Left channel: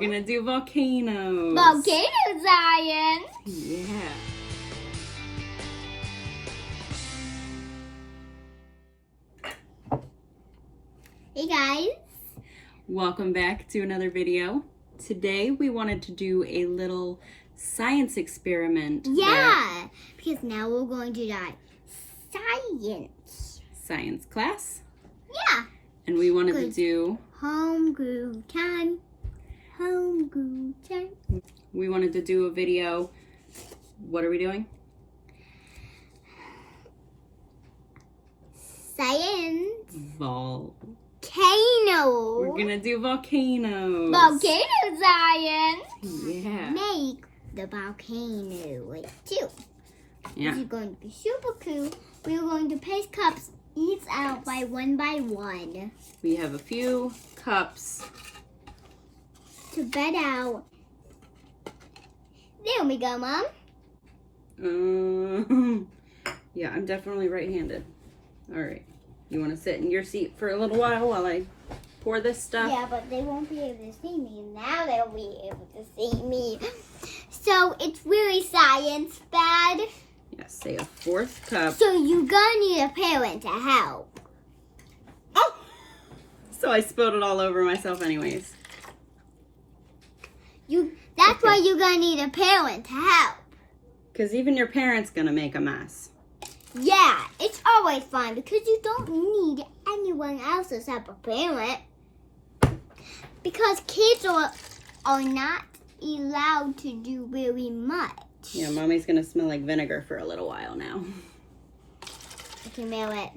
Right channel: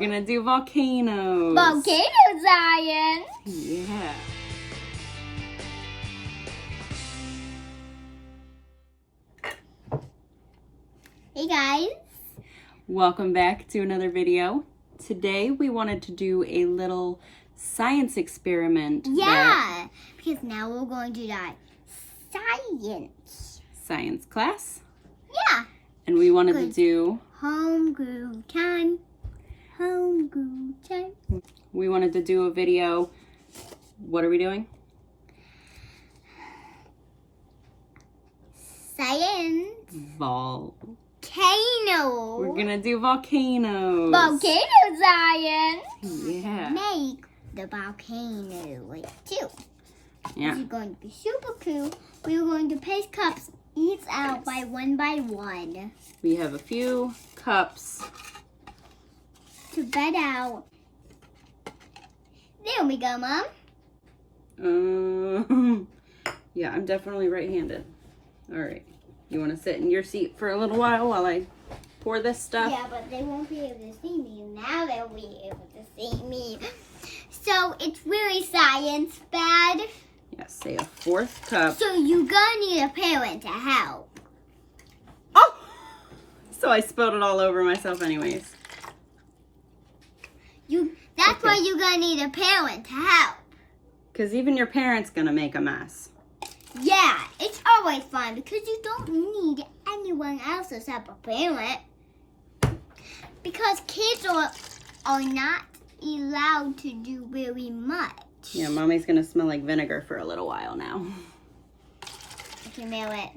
We're gonna do volcanoes. Volcano science. Yeah. Hey guys. Welcome back to another video. Today we wanted to do a little science experiment. Yeah, because now we're going to do science class. Yeah. And we wanted to do homebrew time. Homebrew time. We wanted to do a video. What are we doing? Science. Volcano. We're gonna do volcanoes. Volcano science. Yeah. Make the volcano like two. Yeah. This is going to be super cool. We're going to place cups each out by one. We have a few cups. To bed out. There we go, Mom. Yeah, I'm definitely right-handed. All right. You want to sit in your seat for a little while I pour this stuff? Yeah, but they won't be able to see me. Now they'll be able to see me. So it's really science bad. Yes, say a fourth cup. So you're gonna need a parent to help. Oh! So I spilled it all over myself anyways. That's why you're gonna need a parent to help. Because even your parent's gonna make a mess. Yeah, it's always fun because you don't need anyone else's help a parent. Because kids are not allowed to do very much. Yeah, Mommy's gonna smell like vinegar for a little while now. I can smell it.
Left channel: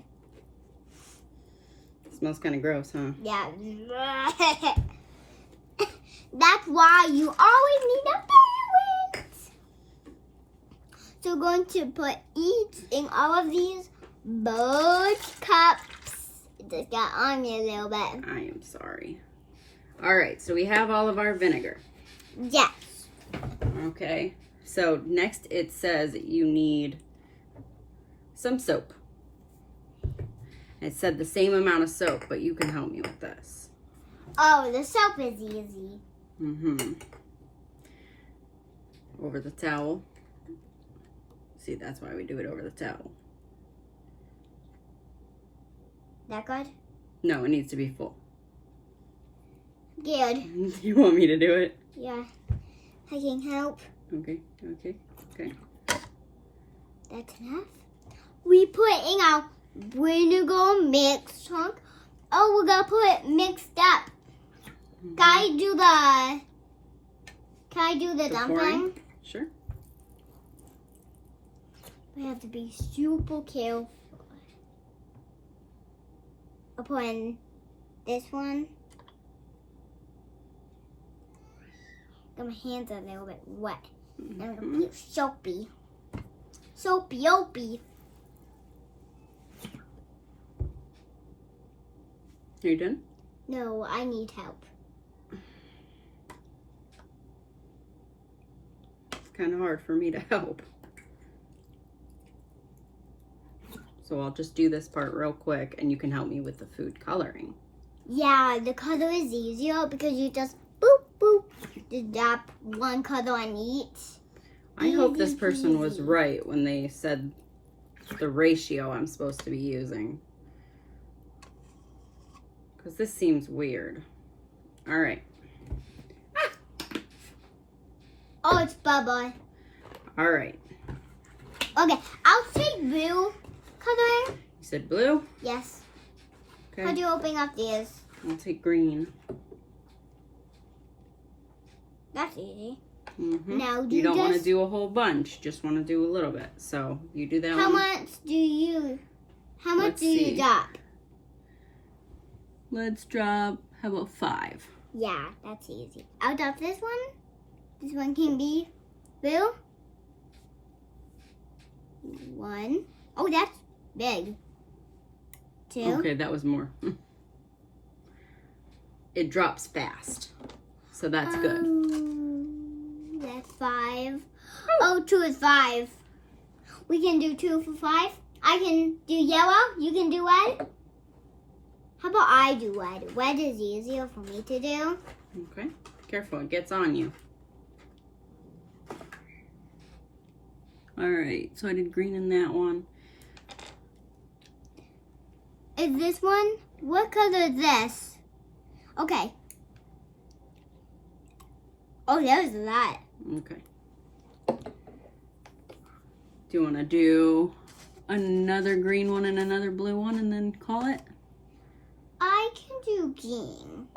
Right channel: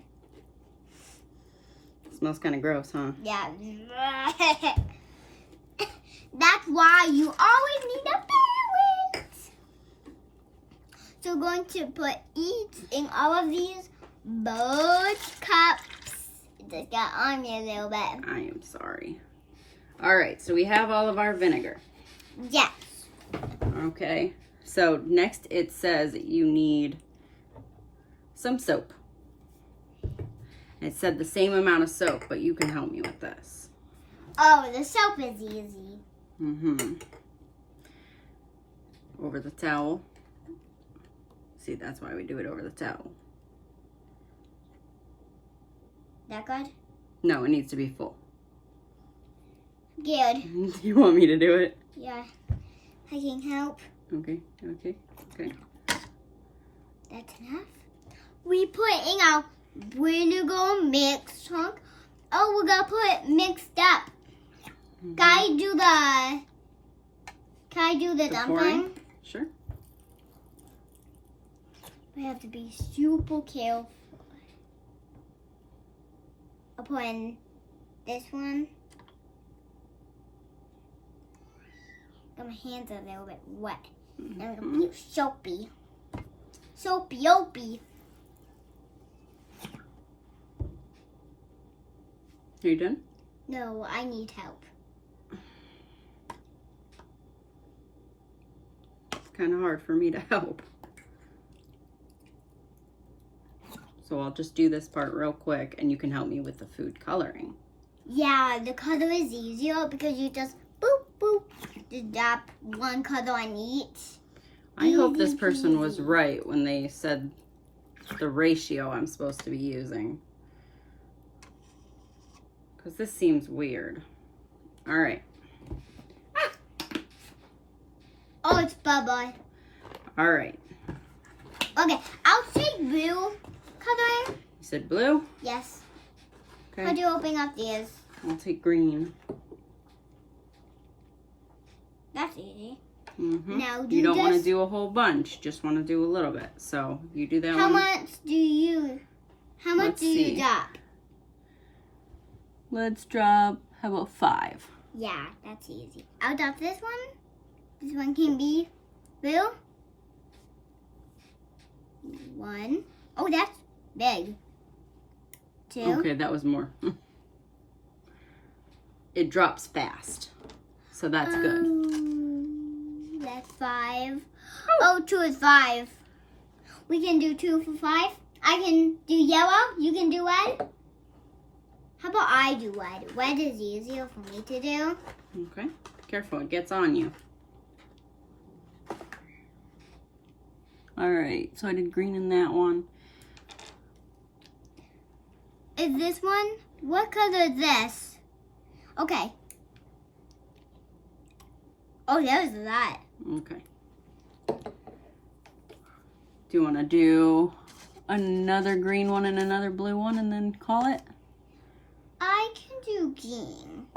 Smells kind of gross, huh? Yeah. That's why you always need a parent. So we're going to put each in all of these both cups. It just got on me a little bit. I am sorry. All right, so we have all of our vinegar. Yes. Okay, so next it says you need some soap. It said the same amount of soap, but you can help me with this. Oh, the soap is easy. Mm-hmm. Over the towel. See, that's why we do it over the towel. That good? No, it needs to be full. Good. You want me to do it? Yeah. I can help. Okay. That's enough. We put in our vinegar mix chunk. Oh, we're gonna put it mixed up. Mm-hmm. Can I do the dumpling? Pouring? Sure. We have to be super careful. I'll put in this one. Got my hands a little bit wet. Mm-hmm. And I'm gonna feel soapy. Soapy-opy. Are you done? No, I need help. It's kind of hard for me to help. So I'll just do this part real quick and you can help me with the food coloring. Yeah, the color is easier because you just boop, boop, drop one color on each. I hope this person was right when they said the ratio I'm supposed to be using. Because this seems weird. All right. Oh, it's Bubba. All right. Okay, I'll take blue coloring. You said blue? Yes. Okay. How do you open up these? I'll take green. That's easy. Mm-hmm. Now, you don't want to do a whole bunch. Just want to do a little bit. So you do that How one. much do you drop? Let's drop, how about 5? Yeah, that's easy. I'll drop this one. This one can be blue. 1. Oh, that's big. 2. Okay, that was more. It drops fast. So that's good. That's 5. Oh, 2 is 5. We can do 2 for 5. I can do yellow. You can do red. How about I do red? Red is easier for me to do. Okay. Careful, it gets on you. Alright, so I did green in that one. Is this one? What color is this? Okay. Oh, there's a lot. Okay. Do you want to do another green one and another blue one and then call it? I can do green.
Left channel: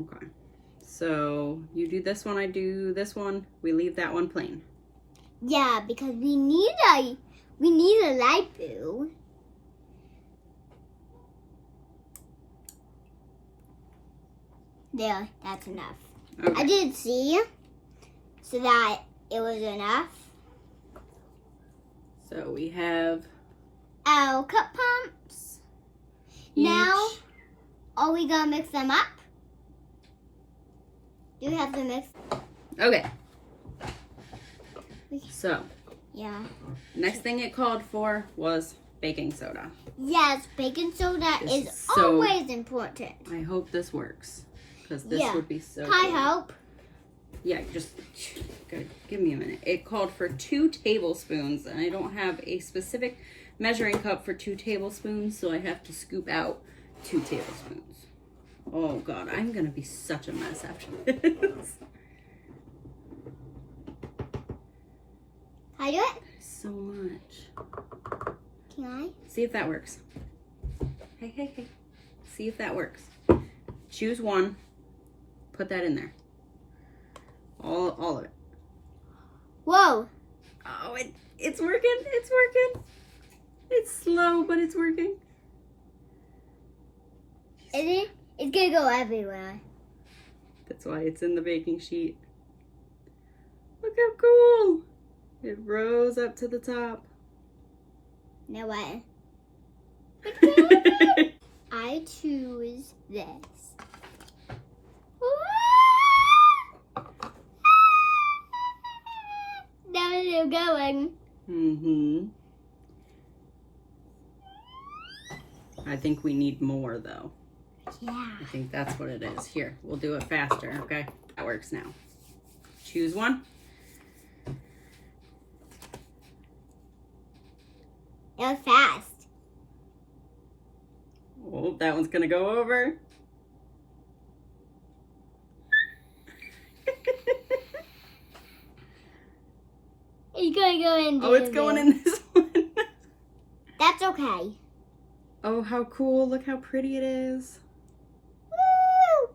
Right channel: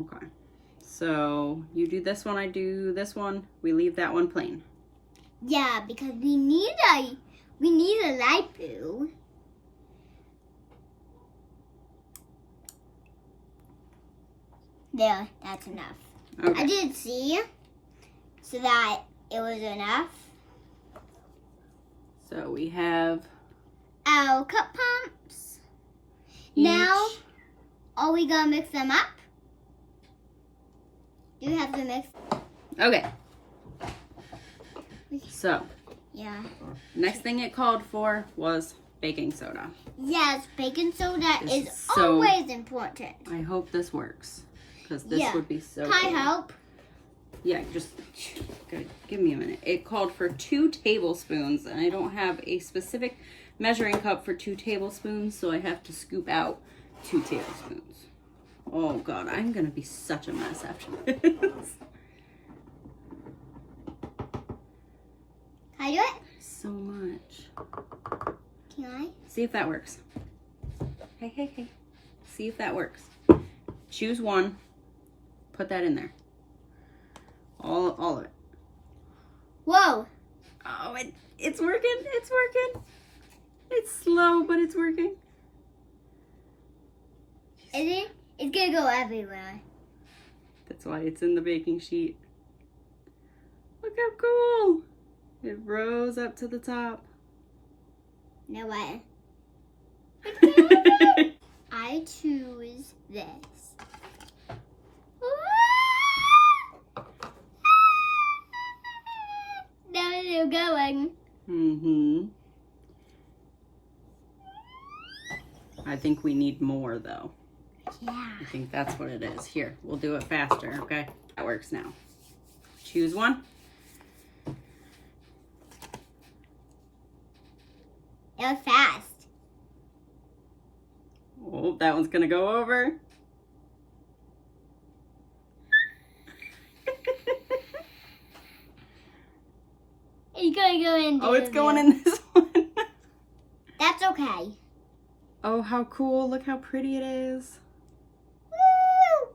Okay. So you do this one, I do this one. We leave that one plain. Yeah, because we need a light blue. There, that's enough. Okay. I did see so that it was enough. So we have Our cup pumps. each. Now, are we gonna mix them up? Do you have to mix? Okay. So Yeah. next thing it called for was baking soda. Yes, baking soda This is is so- always important. I hope this works because this Yeah. would be so Can I cool. help? Yeah, just good. Give me a minute. It called for 2 tablespoons, and I don't have a specific measuring cup for 2 tablespoons, so I have to scoop out 2 tablespoons. Oh God, I'm gonna be such a mess after this. Can I do it? So much. Can I? See if that works. Hey, hey, hey. See if that works. Choose one. Put that in there. All of it. Whoa. Oh, it's working. It's working. It's slow, but it's working. It's gonna go everywhere. That's why it's in the baking sheet. Look how cool. It rose up to the top. Now what? Okay. I choose this. Now it's going. Mm-hmm. I think we need more, though. Yeah. I think that's what it is. Here, we'll do it faster, okay? That works now. Choose one. It was fast. Oh, that one's gonna go over. It's gonna go in. Oh, it's going in this one. That's okay. Oh, how cool. Look how pretty it is. Woo!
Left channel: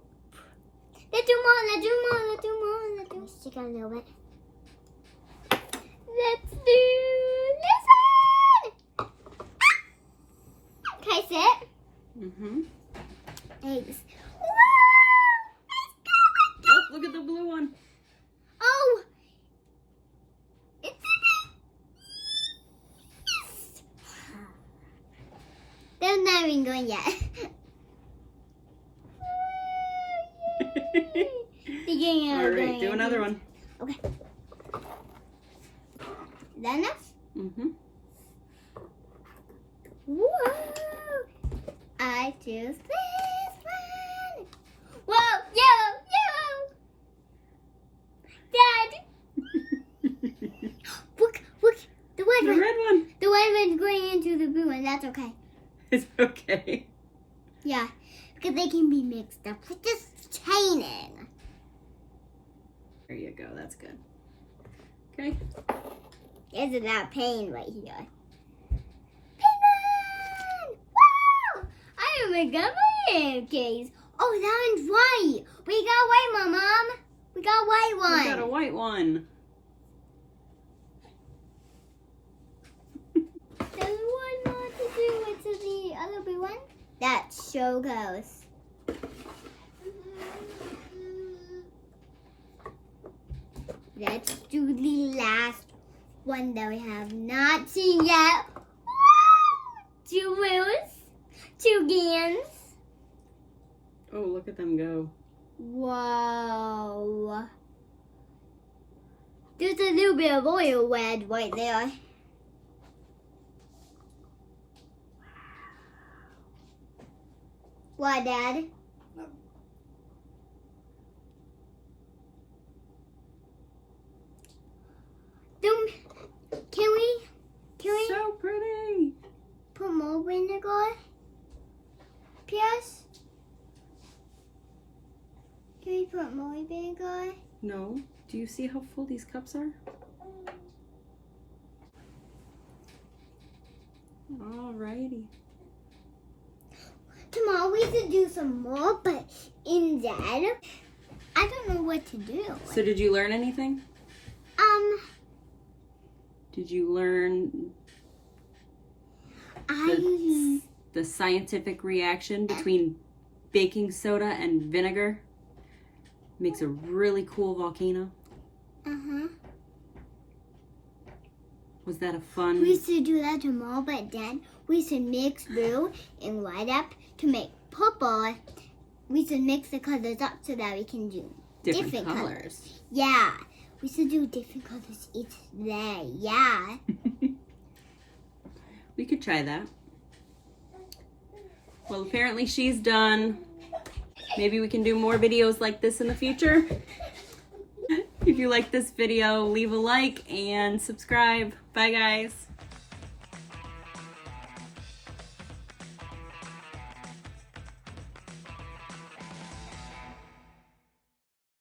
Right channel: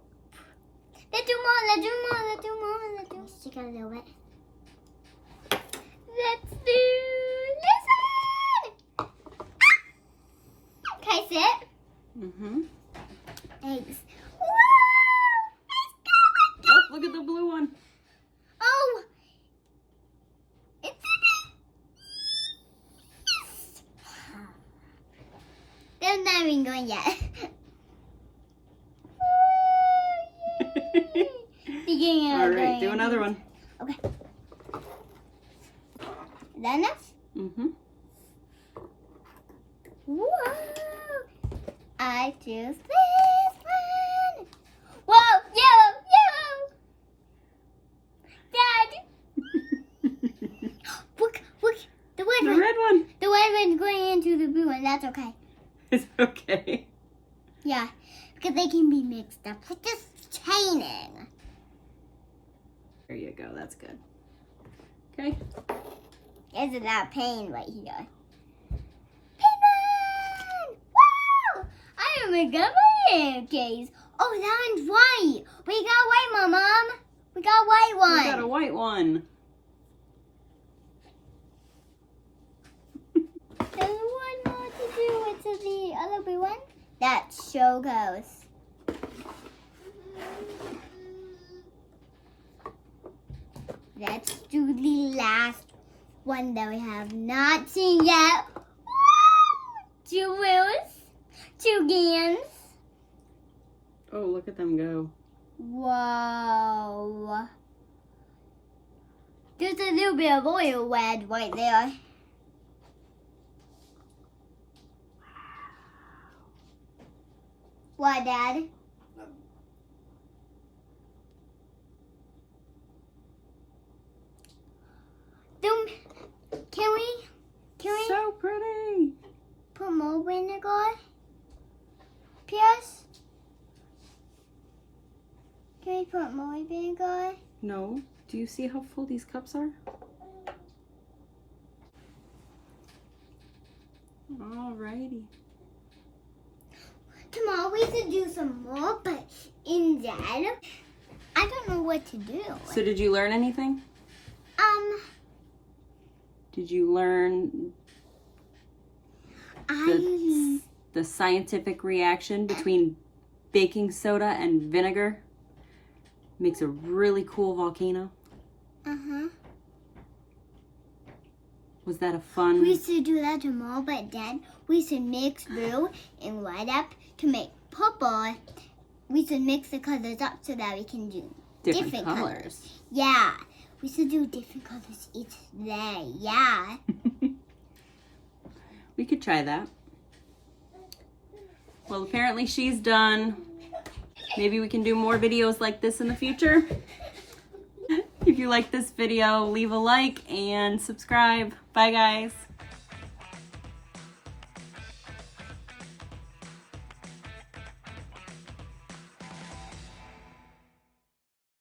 Let's do more, let's do more, let's do more, let's do. Stick out a little bit. Let's do this one! Can I sit? Mm-hmm. Thanks. Oh, look at the blue one. Oh! It's They're not even going yet. All right, do another one. Okay. Then next? Mm-hmm. Whoa! I choose this one. Whoa! Yellow! Yellow! Dad! Look! Look! The red The one! red one. The red one's going into the blue one. That's okay. It's okay. Yeah. Because they can be mixed up with this chaining. There you go. That's good. Okay. Isn't that pain right here? Penguin! Wow! I don't even got my pancakes. Oh, that one's white. We got white one, Mom. We got white one. We got a white one. There's one more to do with the other blue one. That's so close. Let's do the last one that we have not seen yet. 2 wheels, 2 gans. Oh, look at them go. Whoa. There's a little bit of oil red right there. What, Dad? Can we put more vinegar? No. Do you see how full these cups are? Alrighty. Tomorrow we should do some more, but in that, I don't know what to do. So did you learn anything? Did you learn the scientific reaction between baking soda and vinegar? Makes a really cool volcano. Was that a fun? We should do that tomorrow, but then we should mix blue and white up to make purple. We should mix the colors up so that we can do different colors. Yeah, we should do different colors each day. Yeah. We could try that. Well, apparently she's done. Maybe we can do more videos like this in the future. If you like this video, leave a like and subscribe. Bye, guys.